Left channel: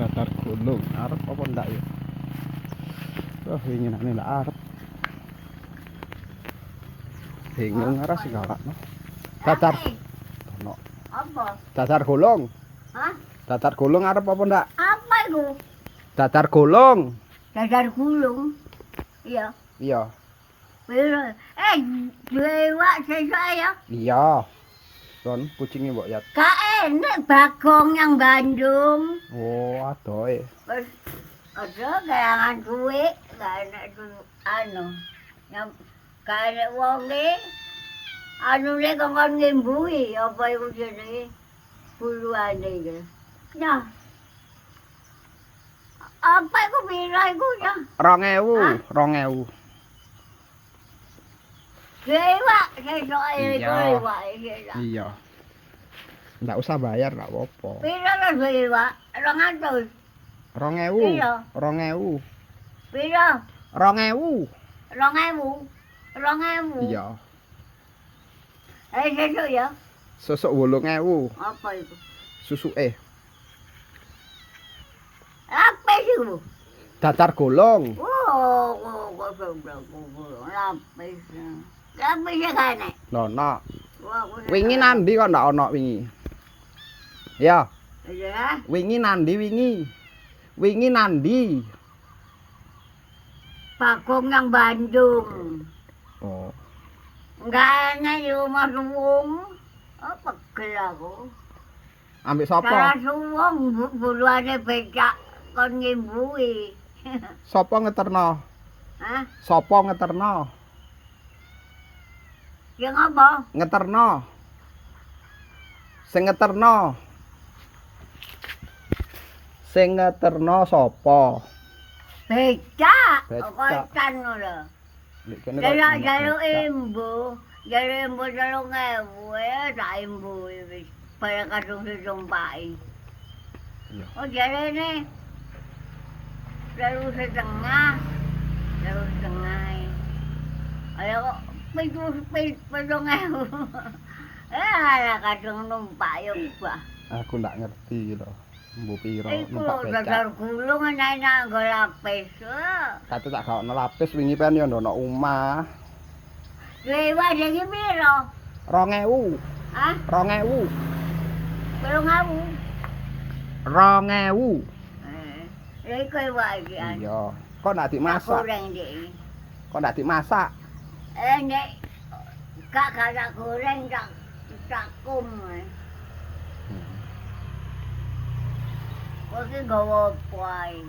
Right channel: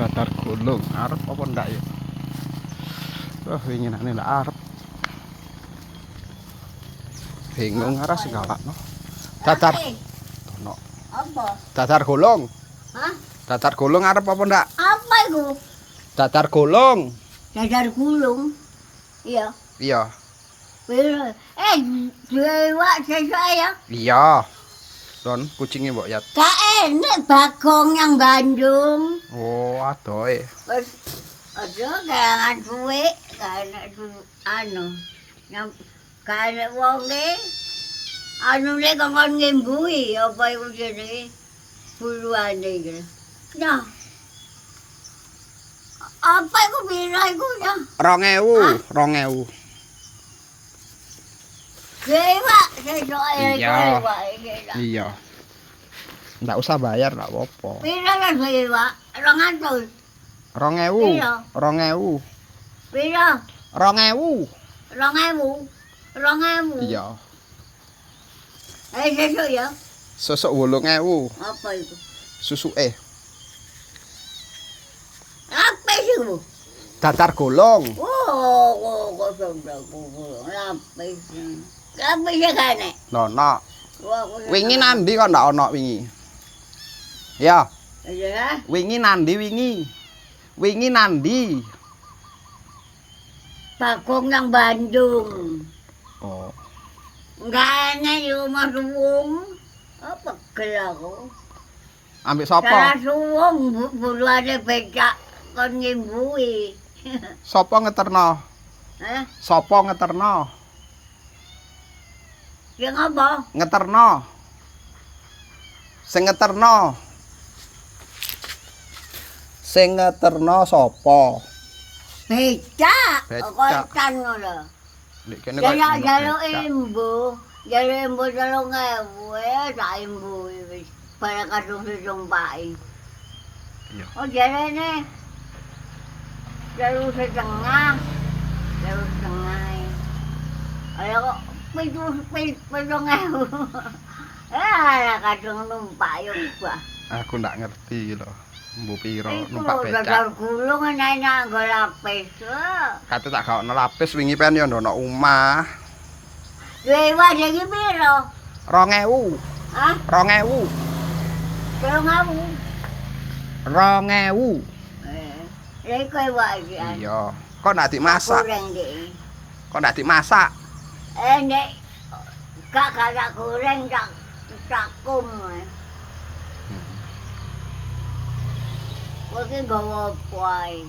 Datar gulung arep apa ndak ya? Wah, winginane ndak arep. Bingung arah segalakno. Datar ono. Apa? Datar gulung. Hah? Datar gulung arep apa ndak? Apa itu? Datar gulung. Dadar gulung. Iya. Iya. Piro? Dewa saya. Iya. Don kucingnya mbok yat. Gak enak Bagong yang Bandung. Oh, adoe. Terus ada kayangan duit, gak enak anu. Yang gak enak wonge. Anu nek kongkon ngimbui apa iku jenenge? Buluane iki. Nah. Apa iku pira iku ya? 2000, 2000. Dewa, sesuk Iya. dewa. Iya. Ndak usah bayar, ndak apa-apa. Pira lah dewa? 200. 2000. Iya. 2000. Pira? 2000. 2000. 2000. Iya. Sesuk ya. Sesuk 8000. Apa itu? Susuke. Apa itu? Datar gulung. Oh, kok sudah lapis. Lapisnya kan nek. Nono. Wah, Wingi nandi kok ndak ono wingi. Ya, iya kan? wingi nandi wingi. Wingi nandi. Bagong yang Bandung. Oh. Enggak enak di rumah suwung. Apa gel aku? Ambek Cara sapa? suwung buluane becak kon ngimbui. Sapa ngeterno? Hah? Sapa ngeterno? Yang apa? Ngeterno. Sing ngeterno. Sing ngeterno sapa? Becak. Becak. Kok kan ngono. Lek kene kok. Jalo imbu. Jalo imbu 3.000 ya tak imbu wis. Pada kadung ditumpaki. Iya. Oh jarene. Jalo setengah. Jalo setengah. Ayo kok 7.000. Ala kadung numpak yo bah. Aku ndak ngerti lho. Mbu piro Iku numpak dadar becak. gulung enak nggo lapis. Kate tak gaono lapis wingi pen yo ndono omah. Dewa iki piro? 2000. Hah? 2000. 3.000. 2000. Lha kowe wae iki. Iya. Kok ndak dimasak? Goreng iki. Kok ndak dimasak? Nek gak tak goreng tak cakum. Kowe ki nggawa apa ae?